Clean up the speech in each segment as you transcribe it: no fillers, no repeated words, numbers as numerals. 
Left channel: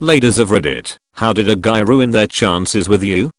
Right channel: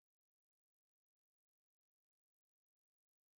Ladies of Reddit, how did a guy ruin their chances with you?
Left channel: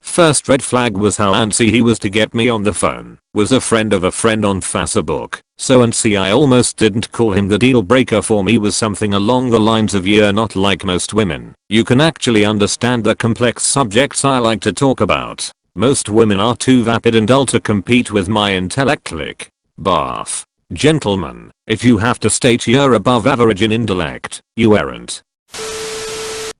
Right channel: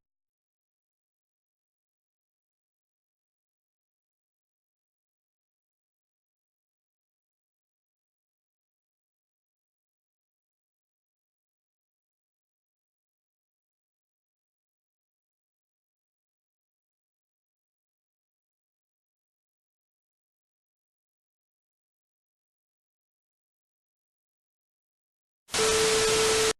First red flag was how antsy he was to get me on the phone. Was a friend of a friend on Facebook. So antsy I almost didn't call him. The deal breaker for me was something along the lines of "You're not like most women. You can actually understand the complex subjects I like to talk about. Most women are too vapid and dull to compete with my intellect." Barf. Gentlemen, if you have to state you're above average in intellect, you aren't.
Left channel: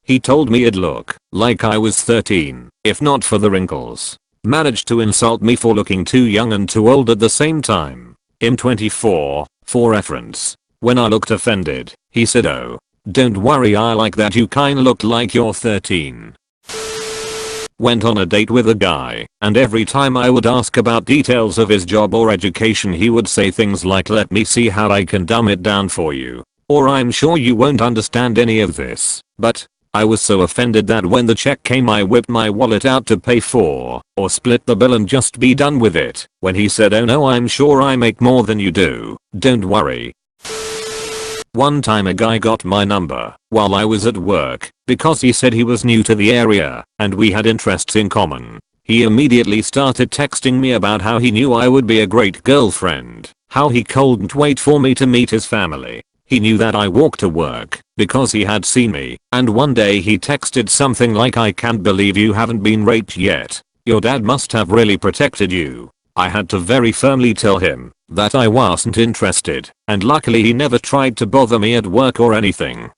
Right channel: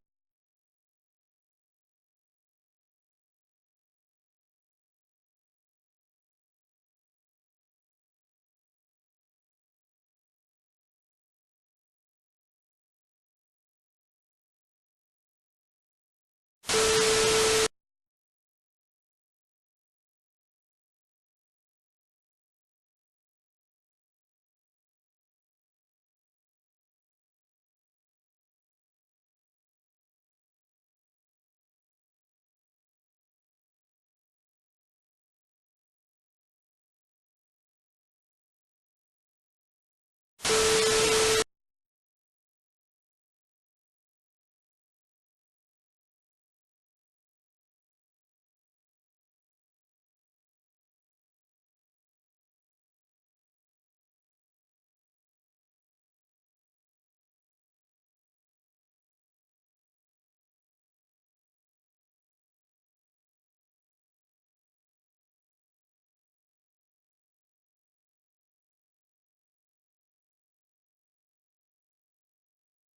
He told me it'd look like I was 13, if not for the wrinkles. Managed to insult me for looking too young and too old at the same time. I'm 24, for reference. When I looked offended, he said, "Oh, don't worry, I like that you kinda look like you're 13. Went on a date with a guy, and every time I would ask about details of his job or education he would say things like, "Let me see how I can dumb it down for you," or "I'm sure you won't understand any of this." But I was so offended that when the check came I whipped my wallet out to pay for, or split the bill and just be done with it. When he said, "Oh no, I'm sure I make more than you do, don't worry." One time a guy got my number while I was at work because he said he was new to the area and we had interests in common. He immediately started texting me about how he knew I would be a great girlfriend, how he couldn't wait for me to meet his family. He knew that I walked to work because he had seen me, and one day he texted something like, "I can't believe you haven't been raped yet. Your dad must have really protected you." I had to very firmly tell him that I wasn't interested, and luckily he never tried to bother me at work or anything.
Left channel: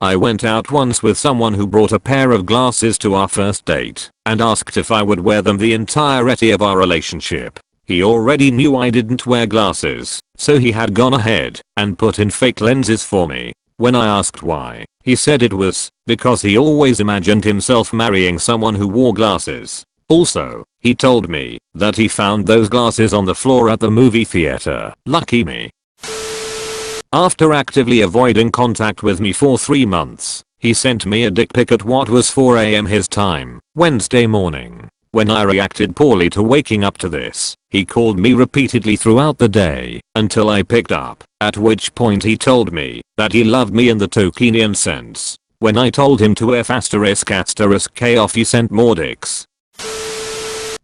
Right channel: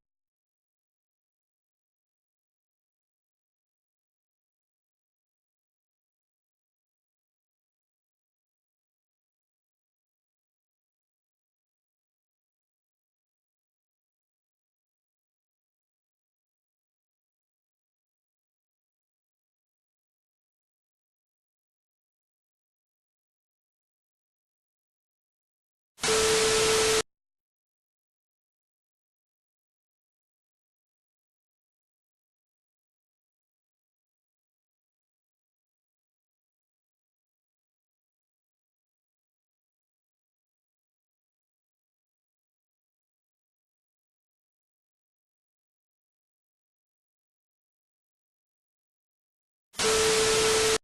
I went out once with someone who brought a pair of glasses to our first date and asked if I would wear them the entirety of our relationship. He already knew I didn't wear glasses, so he had gone ahead and put in fake lenses for me. When I asked why, he said it was because he always imagined himself marrying someone who wore glasses. Also, he told me that he found those glasses on the floor at the movie theater. Lucky me. After actively avoiding contact with me for 3 months, he sent me a dick pic at what was 4 AM his time, Wednesday morning. When I reacted poorly to waking up to this, he called me repeatedly throughout the day until I picked up, at which point he told me that he loved me in the Tolkienian sense. When I told him to F***K off, he sent more dicks.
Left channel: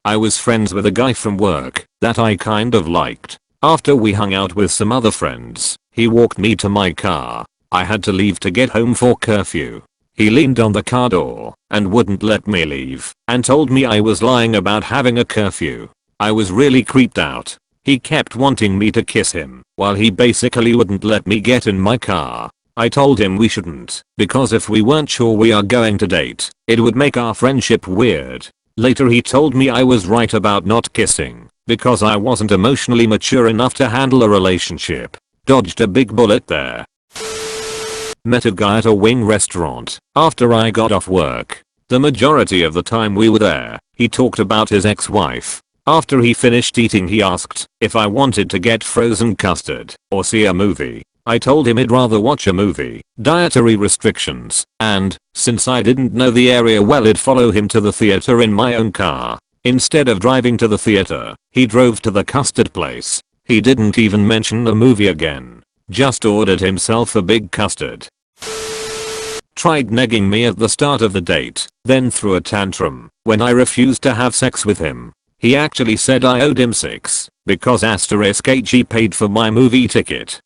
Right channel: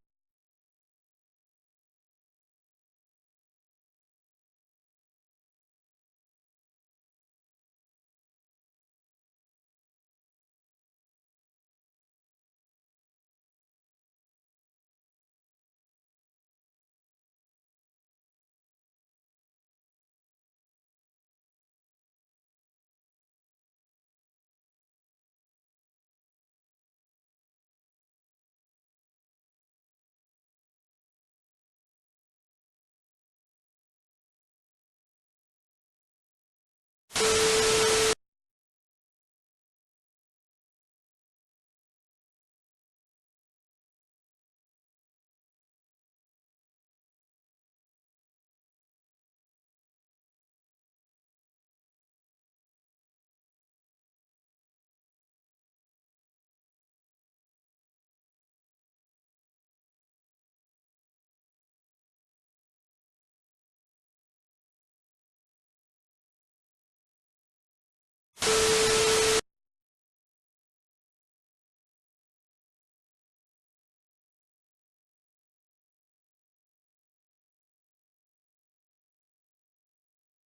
I was friends with a guy from work that I kind of liked. After we hung out with some other friends, he walked me to my car. I had to leave to get home for curfew. He leaned on the car door and wouldn't let me leave and told me I was lying about having a curfew. I was really creeped out. He kept wanting me to kiss him while he basically wouldn't let me get in my car. I told him we shouldn't because if we weren't sure we are going to date, it would make our friendship weird. Later he told me I was right about not kissing because I wasn't emotionally mature enough to handle a relationship. Dodged a big bullet there. Met a guy at a wing restaurant after I got off work. The majority of the time we were there, he talked about his ex-wife. After he finished eating he asked if I wanted to get frozen custard or see a movie. I told him he'd rather watch a movie, dietary restrictions, and, since I didn't know the area well, I'd follow him to the theater in my own car. Instead of driving to the theater, he drove to the custard place. He didn't even mention the movie again. Just ordered himself a big custard. Tried negging me at the start of the date, then threw a tantrum when I refused to have sex with him. He actually said I owed him 6 because he paid for my movie ticket.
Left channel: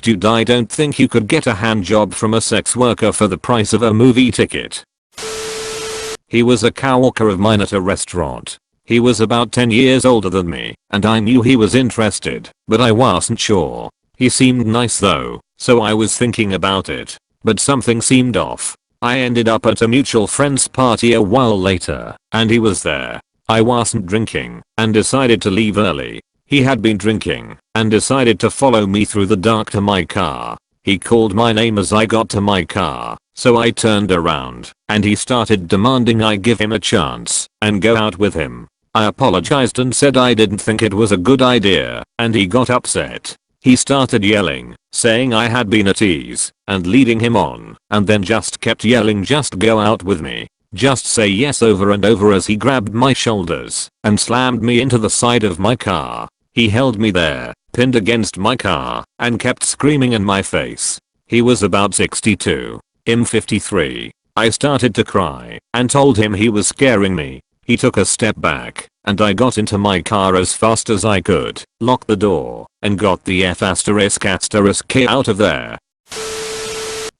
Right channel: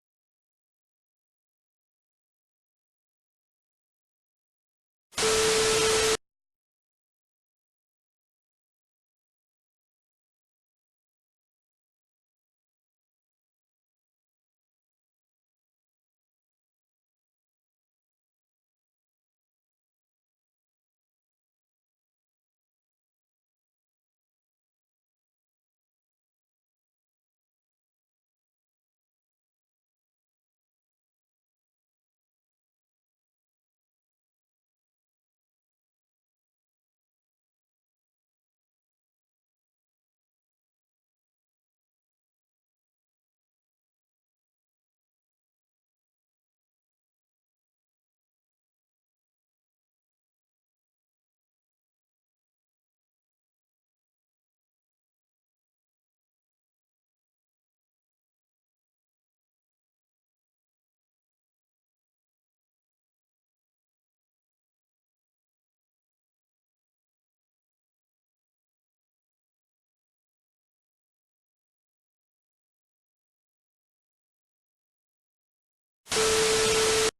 Dude, I don't think you could get a hand job from a sex worker for the price of a movie ticket. He was a coworker of mine at a restaurant. He was about 10 years older than me, and I knew he was interested, but I wasn't sure. He seemed nice though, so I was thinking about it, but something seemed off. I ended up at a mutual friend's party a while later, and he was there. I wasn't drinking, and decided to leave early. He had been drinking and decided to follow me through the dark to my car. He called my name as I got to my car, so I turned around and he started demanding I give him a chance and go out with him. I apologized and said I didn't think it was a good idea, and he got upset. He started yelling, saying I had been a tease and leading him on, and then just kept yelling, "Just go out with me. Just say yes," over and over as he grabbed my shoulders and slammed me into the side of my car. He held me there, pinned against my car, and kept screaming in my face. He was about 62. I'm 53. I started to cry and told him he was scaring me. He took a step back and I got into my car as fast as I could, locked the door, and got the F***K out of there.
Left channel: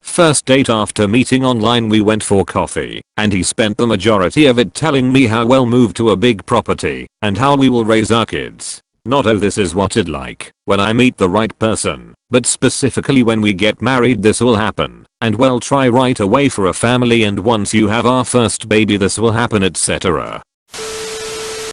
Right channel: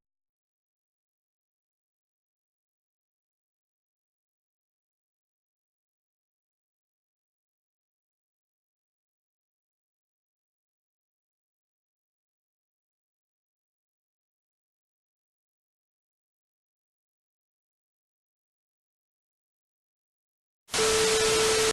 First date after meeting online, we went for coffee and he spent the majority of it telling me how we'll move to a big property and how we will raise our kids. Not oh this is what it like when I meet the right person, but specifically when we get married this will happen, and we'll try right away for a family, and once you have our first baby this will happen, etc.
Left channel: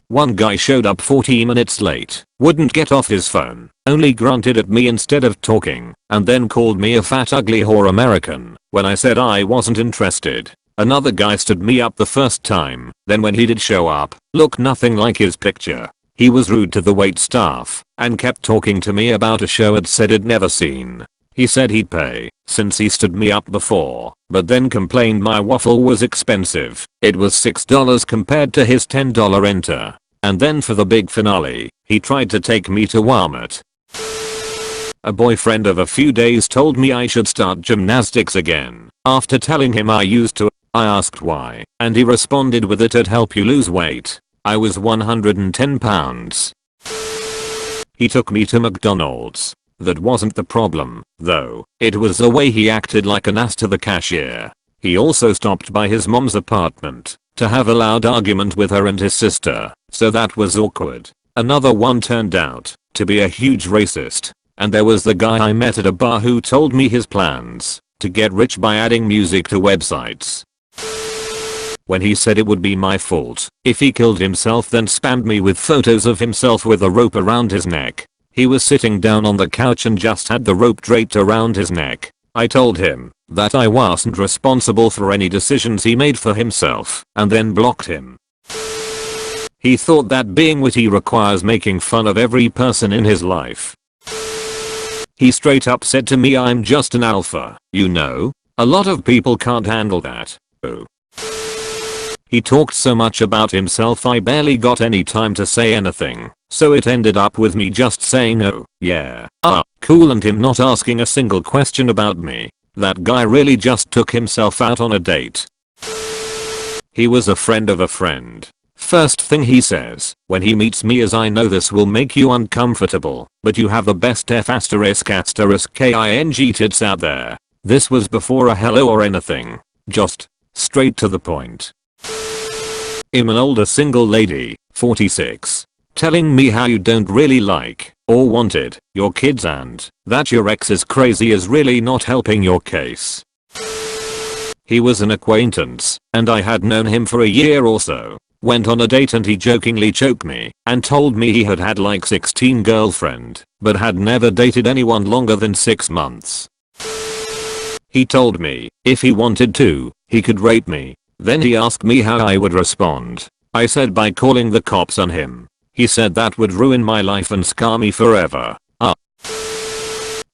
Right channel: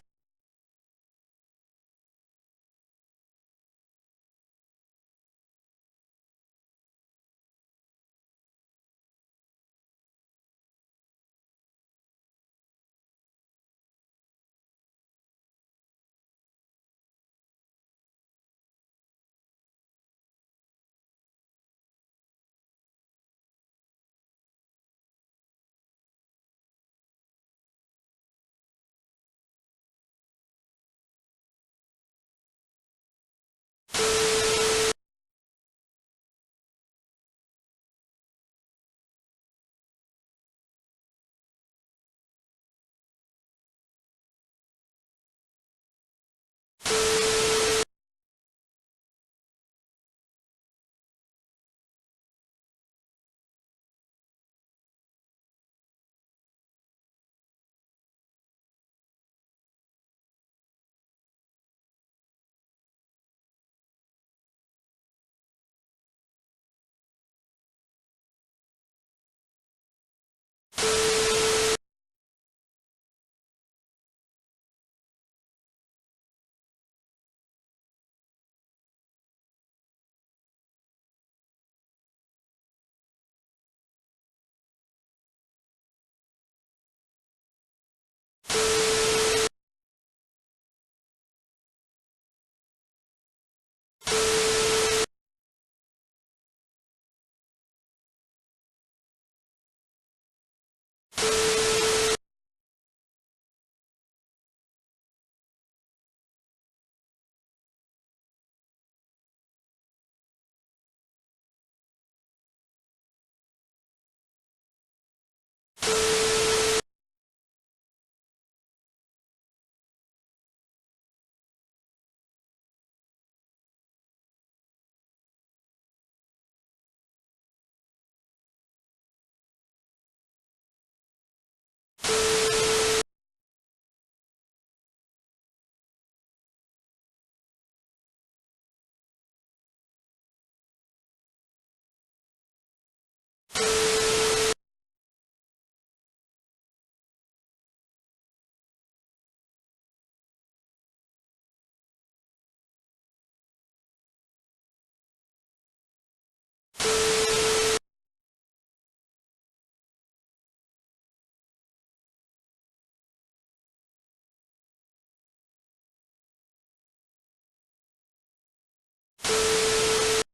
One guy showed up 40 minutes late, wouldn't get off his phone, only grunted at me instead of talking, and then called me a fat ugly whore American when I said I wasn't interested. Another guy stood me up the first time, then when he did show up, looked nothing like his picture. He was rude to the wait staff and kept talking to me about a show I'd said I'd never seen. He said he'd pay since he stood me up before, but then complained my waffle was expensive. It was $6 compared to his $10 enter. And then for the big finale, he tried to take me to Walmart. A boyfriend of a few days told me I should start gymnastics again. After telling him I used to, I asked why, and he responded with it'd help you lose weight. I was 110 pounds. He took me to McDonald's. That wasn't the problem, though. It was the way he acted like an ass to the cashier. He also stopped by his mom's apartment to have a loud argument with her and his sister, so that was awkward. Another one turned out to be a huge racist. And there was the guy I met at a bar who told me his plans to get rich by adding music to websites. When he said it would be my fault if he killed himself, then spammed me with photos of himself with a rope around his neck. He was sitting down on the couch and just had the rope draped around his neck. I told him that I wasn't responsible for any decisions he made for himself, and then blocked him. He thought that being witty requires making fun of every person in his life. He straight up said to me I'm just an alpha, you know? A lot of people can't handle that. Oh. He talked so much about himself I barely got any time to say anything, so it ended up with me just saying oh, yeah, cool, and him not asking a single question about me. That guy really just took himself out on a date. He was a friend of a friend. First thing he says when he meets me is I know this will make you uncomfortable, but you have the best F***king tits out there. This was before a hello or anything. Just straight to the point. I'm an older single lady, 46. Telling me how you don't really like or wanted your kids and that your ex is crazy is really not helping your case. He was an acquaintance and I had known him for a year or so. Went on a date and he jokingly choked me and told me he had had like 16 girlfriend but had never dated anyone longer than 6 months. He told me if he wanted to, he could rape me. Then he asked me how I would respond. I said by calling the cops on him. He said that would ruin my life and scar me forever.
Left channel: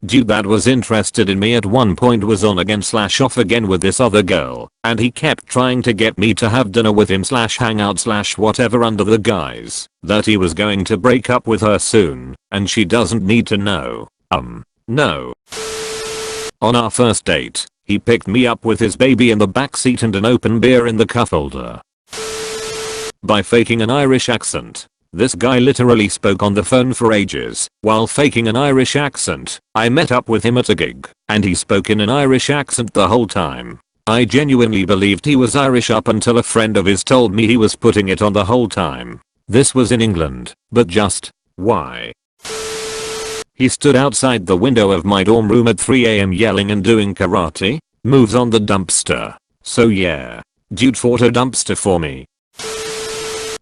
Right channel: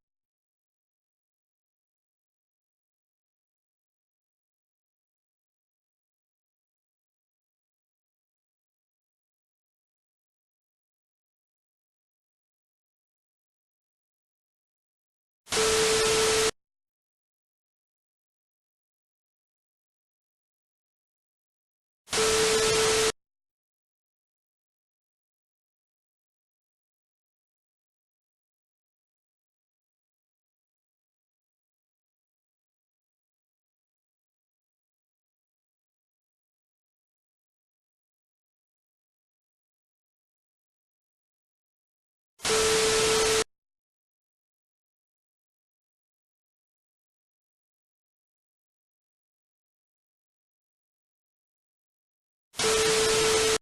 Dude that was interested in me at one point was on again / off again with this other girl, and he kept trying to get me to have dinner with him / hang out / whatever under the guise that he was going to break up with her soon and she doesn't need to know. No. On our first date, he picked me up with his baby in the backseat and an open beer in the cup holder. By faking an Irish accent. This guy literally spoke on the phone for ages while faking an Irish accent. I met up with him at a gig and he spoke in an Irish accent the whole time. I genuinely believed he was Irish up until a friend of his told me he was putting it on the whole time. This was in England, but just why? He stood outside the window of my dorm room at 3 AM yelling and doing karate moves on the dumpster. So yeah, dude fought a dumpster for me.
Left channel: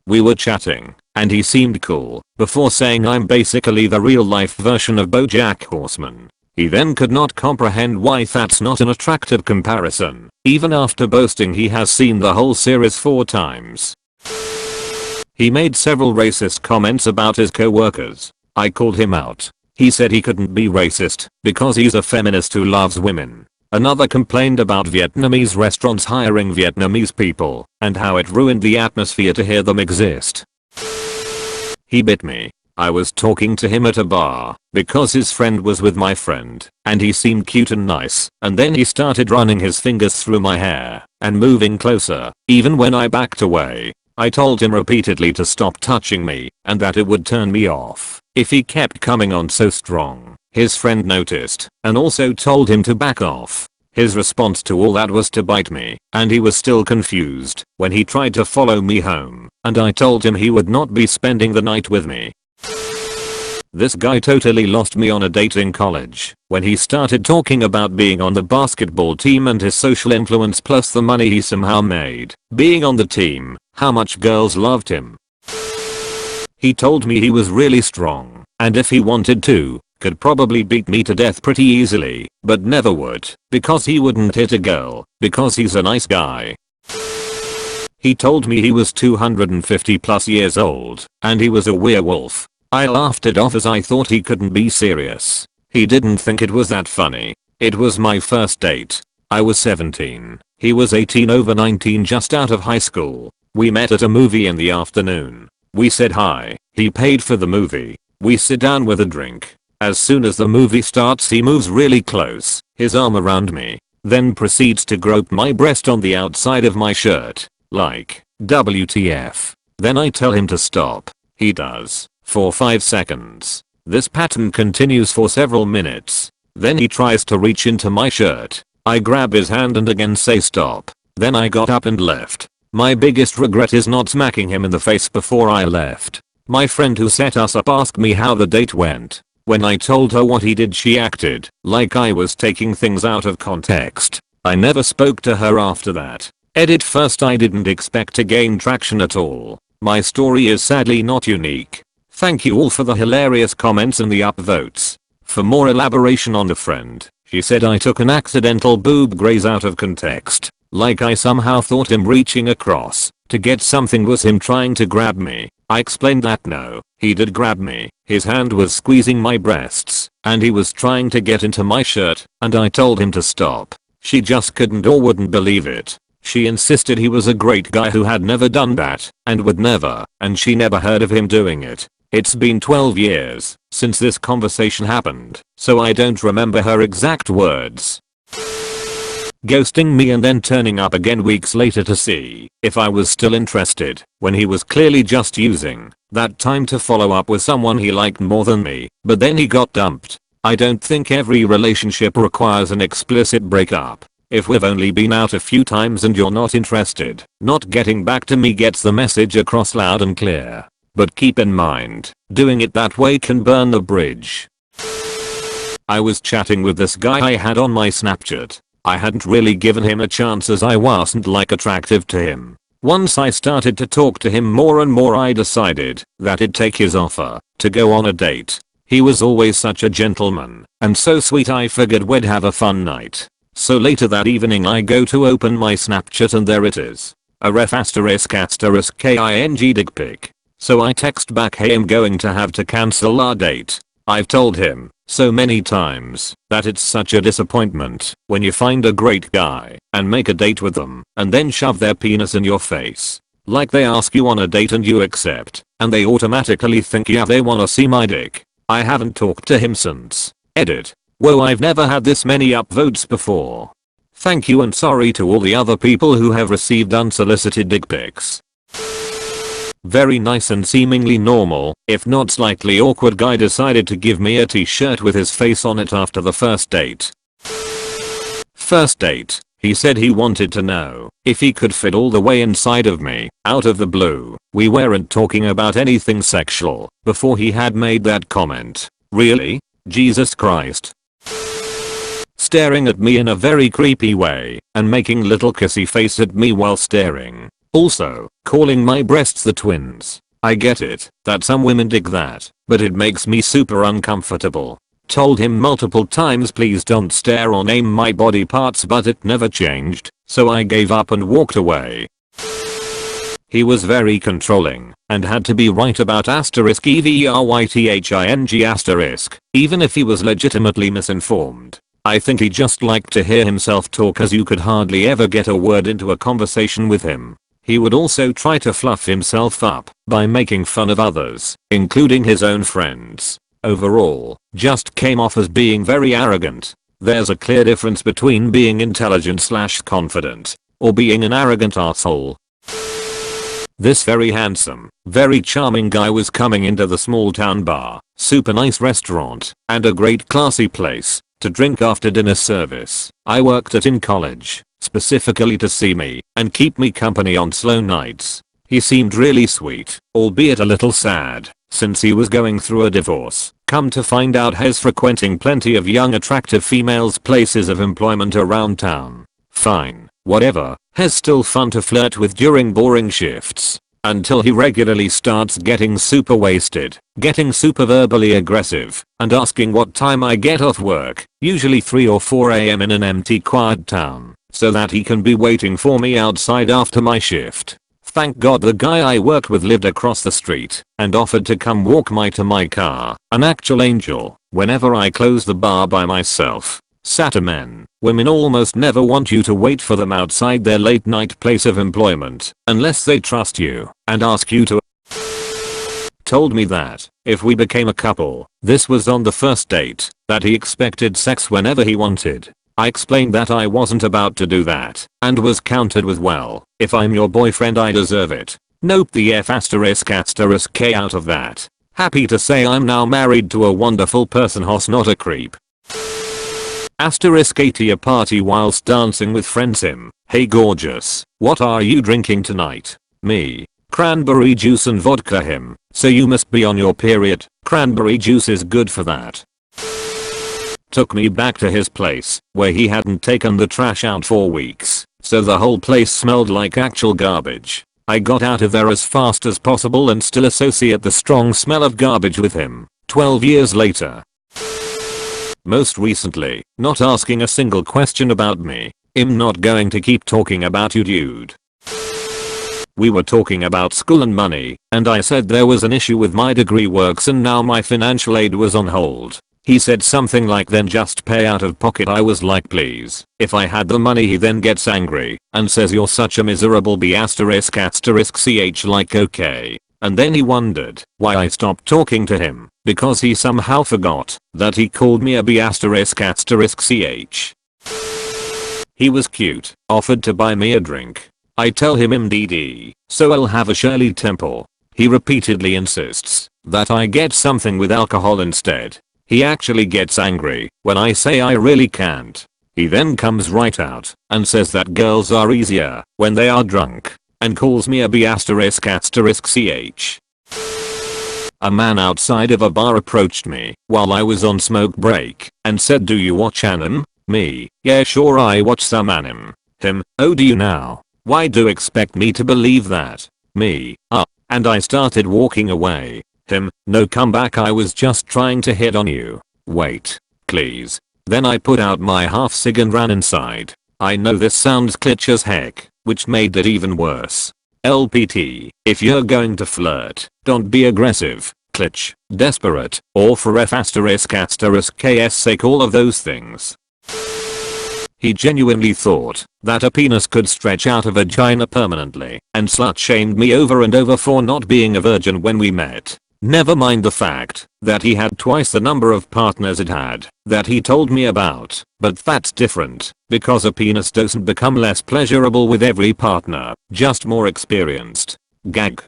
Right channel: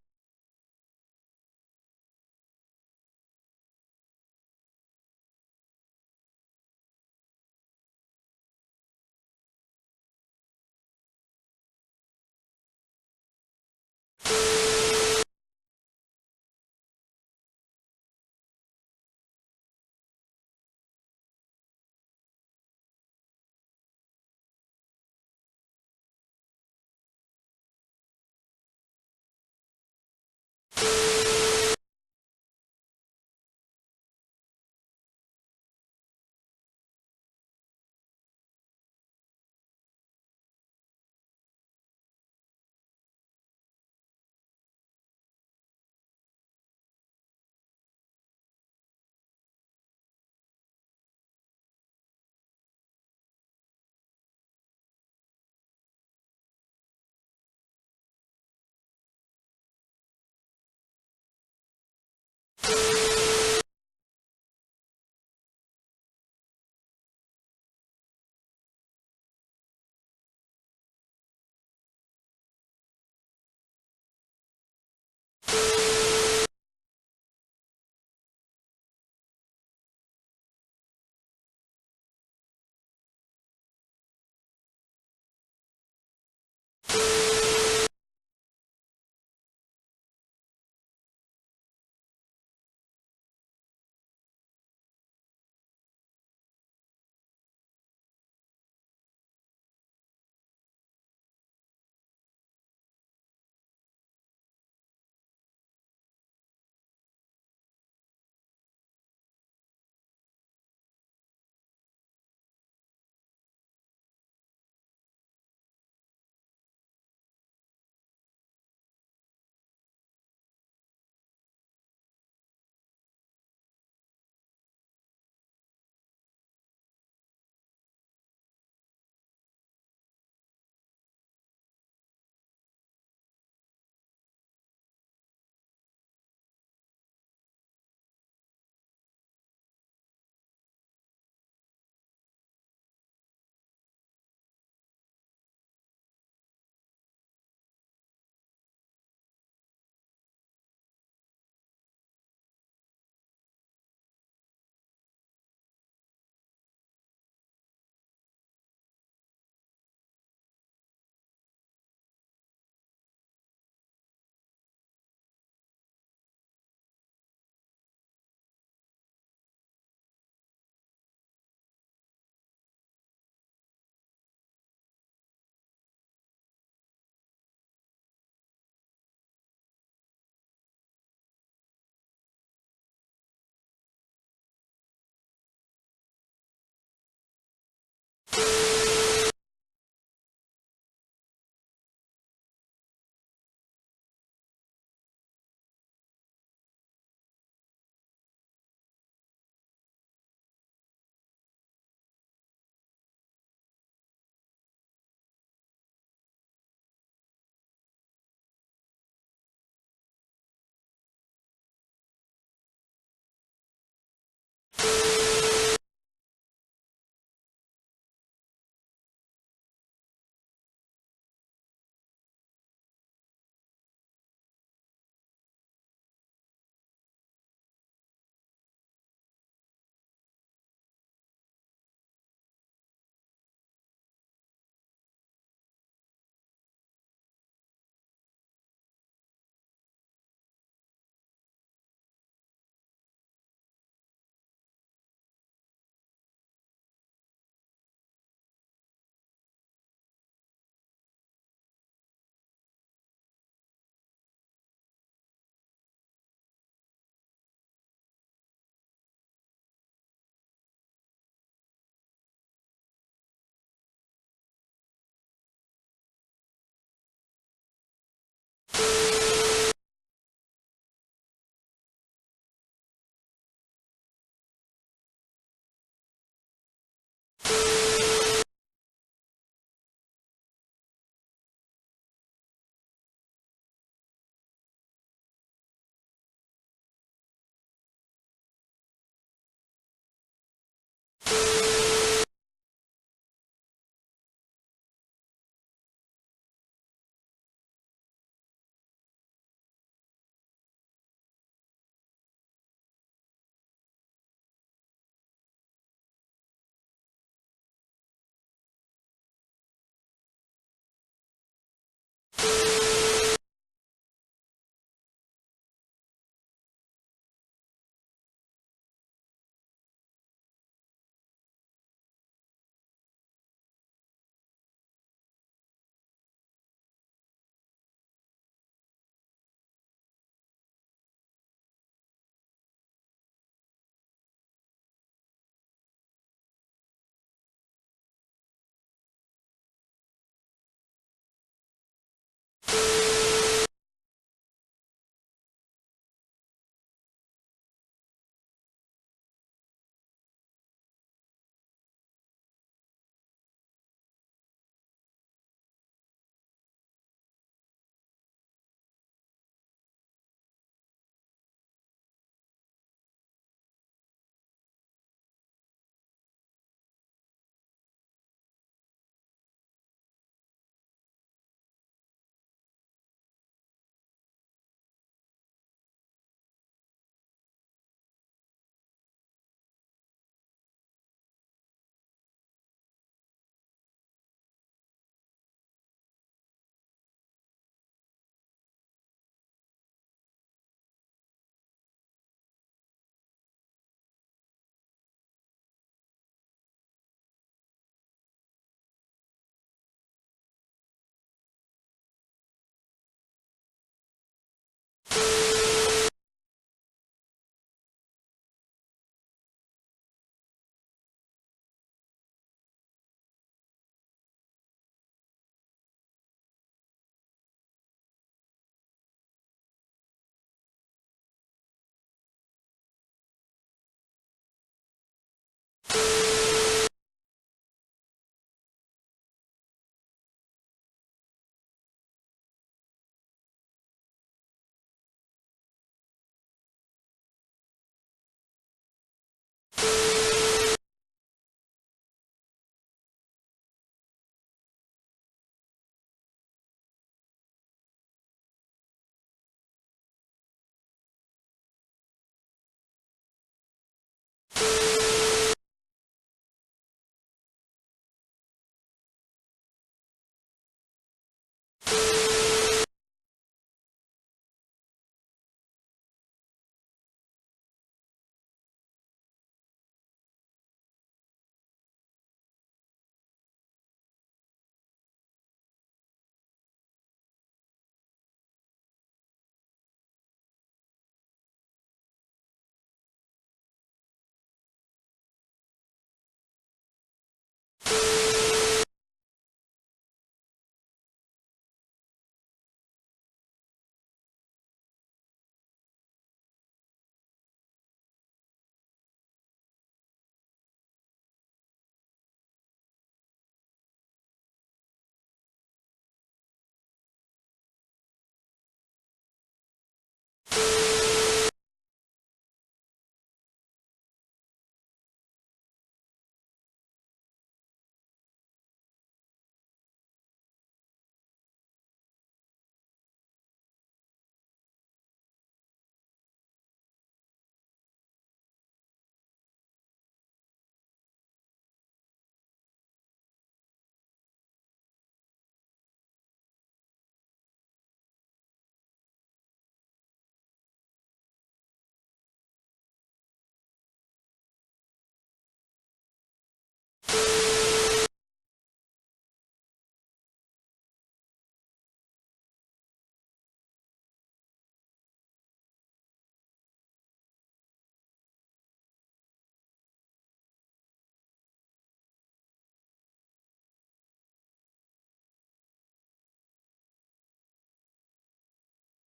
We were chatting and he seemed cool before saying I'm basically the real life version of BoJack Horseman. He then could not comprehend why that's not an attractive comparison, even after boasting he has seen the whole series 4 times. He made several racist comments about his co-workers. I called him out. He said he couldn't be racist because he's a feminist who loves women. Another complained about Vietnamese restaurants hiring Vietnamese people and how it ruined the atmosphere to hear them exist. He bit me. I was talking to him at a bar because his friend was with my friend and he seemed cute and nice, and then he started running his fingers through my hair and moving closer even when I backed away. I told him repeatedly to stop touching me and that it would turn me off if he kept coming on so strong. His friend noticed and also told him to back off. His response to all that was to bite me, and he was still confused when he tried to follow me home, and I told him he would not be spending the night with me. This guy totally lost me on a date in college when he started talking about being on the basketball team and his social influence plus the money he somehow made being on the team, how much girls loved him. He told me he was really strong and if he wanted to, could probably beat me to death pretty easily, but never would because he wouldn't hit a girl because he's a nice guy. He told me he was 250 plus years old and he was a werewolf. I laughed it off as I thought he couldn't be serious. He didn't think it was that funny. It was my first date. I was 17. He was 18 over 19 just out of high school. We met at a movie in the afternoon. We said hi. He paid for the movie. We sit down with a drink. As soon as the movie starts he moves really close, his arm around me, then proceeds to grope my breast on the outside of my shirt. Like, WTF. Then I tell him to stop. He does. For 5 seconds. This pattern continues for several minutes. Then he tries to reach into my shirt. I grab his hand and again say stop. Then I got up and left. My biggest regret is not smacking him in the face before I left. My friend who set us up asked me how the date went. When I told her what he did she acted like I was taking things out of context. I never spoke to her after that. Edit first I didn't expect to gain traction at all. My story is sadly not unique. Thank you all for the hilarious comments and the upvotes. For more elaboration on the friend, she said I took an accidental boob graze out of context. Like I somehow thought him reaching across to get something was him trying to grab me. I explained that no, he did grab me. His hand was squeezing my breasts and he was trying to get into my shirt and I told him to stop. She just couldn't or wouldn't believe it. She insisted he was a great guy who had never done that and would never, and she never heard of him doing it. It's been 12 years since this conversation happened, so I don't remember her exact words. Ghosting me and then turning up again weeks later to see if I was still interested when he was clearly just using that time to follow up with someone he liked more than me, but then he got dumped. I don't think every relationship requires an explicit breakup. If we've only been out a few times and you're not interested, not getting back to me gets the message across loud and clear. But keep in mind, doing it that way can burn the bridge. I was chatting with this guy I had on my Snapchat. I hadn't really given him a chance as I wasn't like attractive to him. Once I started to talk to him more and more I decided that I'd take his offer to go on a date. He was always such a gentleman and so sweet I figured we'd have a fun night. So later that evening I go to open my Snapchat and there it is. A ref ***king dick pic. So I text back hey I'm going to have to cancel our date. I've told him so many times that it's such a disappointment when you find a great guy and make a date with them and then shove their penis in your face. Like they ask you on a date and you accept and they automatically think yeah they wanna see my dick. I haven't talked to him since. Edit. Whoa I've never had this many upvotes before. Thank you and sorry to all the other people who have received unsolicited dick pics. Very nice and seemingly normal, if not slightly awkward guy decided to give me a t-shirt with his face on it after the first date. First date, he said he wanted to know if he could fit all the way inside of me. Out of the blue, we weren't talking about anything sexual before he had made that comment. Really? Jesus Christ. Staring at me in a very creepy way and making little kissy face at me while staring. Also, calling my breasts the twins. I get it that some women dig that, but it makes me super uncomfortable. Told him multiple times please don't stare or name my body parts but it never changed, so I gave up and walked away. He was very controlling and had to be right about ***everything**, even if he was legitimately misinformed. I think he just liked to hear himself talk as you could hardly ever get a word into a conversation with him. He would also try to fluff himself up by making fun of others, including his own friends. Overall, just came off as being very arrogant. There's a clear difference between being intelligent/confident or being an arrogant asshole. This very handsome, very charming guy was coming into the small town bar, super nice restaurant, and a great classy place to drink after dinner service I worked at in college, specifically to see me and keep me company on slow nights. He seemed really sweet, albeit a little sad, since he was going through a divorce. Come to find out he's frequenting plenty of young attractive females' places of employment around town. Fine, whatever, he's still fun to flirt with during boring shifts. Until he regularly starts getting super wasted, getting super verbally aggressive, and asking what time I get off work, usually 3 or 4 AM in an empty quiet town, so that he can be waiting for me outside after my shift. Thank God the guy I worked with lived across the street and offered to come walk me to my car. An actual angel. Whenever I close the bar by myself. Sata men, women almost never want you to wait for them outside their late night place of employment unless they trust you and ask you to. Told me that if we became a couple, this was on the first date, that he expected sex whenever he wanted. I explained that I wasn't about to do that, and was countered with, well, if I'm your boyfriend I deserve it. Nope the F***K out of that. Happy to say I'm now married to a wonderful person hoss not a creep. *at a party whilst dancing with friends him, hey gorgeous, what are you drinking tonight? Me. Cranberry juice and vodka him, so you must be on your period, cranberry juice is good for that. Took me back to his place, where he hadn't taken the trash out for weeks, so the whole place smelled like actual garbage. I got out of there as fast as possible and still associate the strong smell of garbage with him, 12 years later. Most recently, not asking a single question about me. I'm not going to keep talking about you dude. We were talking about school and money, and I said there was an issue with my degree works and now my financial aid was on hold. He said something like then just pay out of pocket. I was like please. If I had the money. He then gets angry and says you're such a miserable b***** ch like okay. And then he wondered why I stopped talking to him because he somehow forgot that he called me a b***** ch. He was cute, offered to buy me a drink. I tell him MDD, so I'll have a Shirley Temple. He repeatedly insists that I get something with alcohol instead. He actually gets angry when I say I really can't. He then comes right out and says that girls are easier when they are drunk and calls me a b***** ch. A man outside of a bar approached me while I was on smoke break and said do you watch anime? Me, yeah sure I watch some anime. Him, oh do you now? Why do you expect me to believe that? Me, and I started walking away. Him, no come back I was just trying to hit on you. Wait, please. Then I put out my half cig and ran inside. I know this sounds kitsch as heck, which made it even worse. LPT, if you're going to flirt, don't be aggressive, kitsch, desperate, or for F***k's sake all of those things. He genuinely thought that a penis could stretch out a vagina permanently and slut shamed me over and over for not being a virgin when we met. Never mind the fact that he had twice the number of partners it had that he told me about, but that's different because a penis doesn't become less pleasurable with every partner, just more experienced. Gag.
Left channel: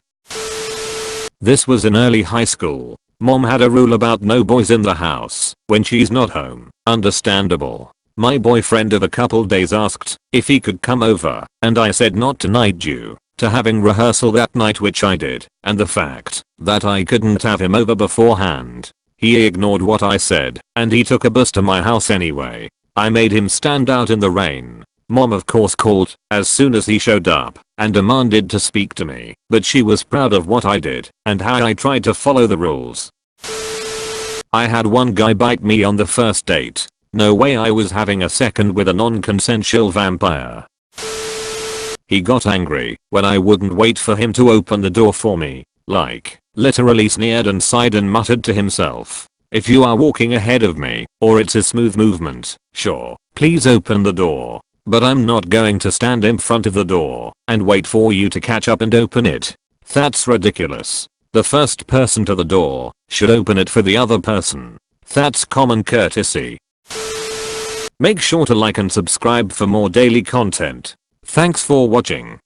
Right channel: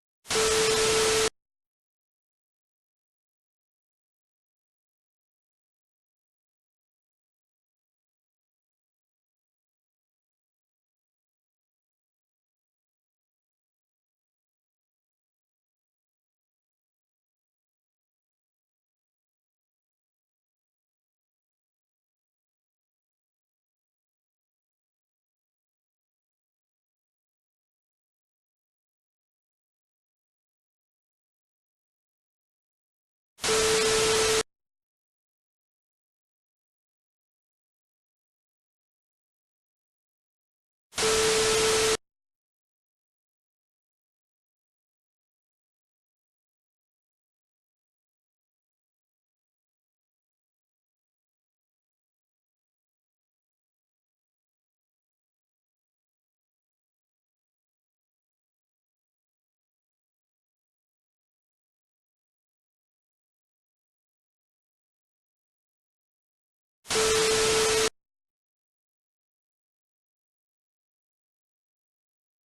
This was in early high school. Mom had a rule about no boys in the house when she's not home. Understandable. My boyfriend of a couple days asked if he could come over, and I said not tonight due to having rehearsal that night, which I did, and the fact that I couldn't have him over beforehand. He ignored what I said, and he took a bus to my house anyway. I made him stand out in the rain. Mom of course called as soon as he showed up and demanded to speak to me, but she was proud of what I did and how I tried to follow the rules. I had one guy bite me on the first date. No way I was having a second with a non-consensual vampire. He got angry when I wouldn't wait for him to open the door for me, like, literally sneered and sighed and muttered to himself, if you are walking ahead of me, or it's a smooth movement, sure, please open the door. But I'm not going to stand in front of the door and wait for you to catch up and open it. That's ridiculous. The first person to the door should open it for the other person. That's common courtesy. Make sure to like and subscribe for more daily content. Thanks for watching.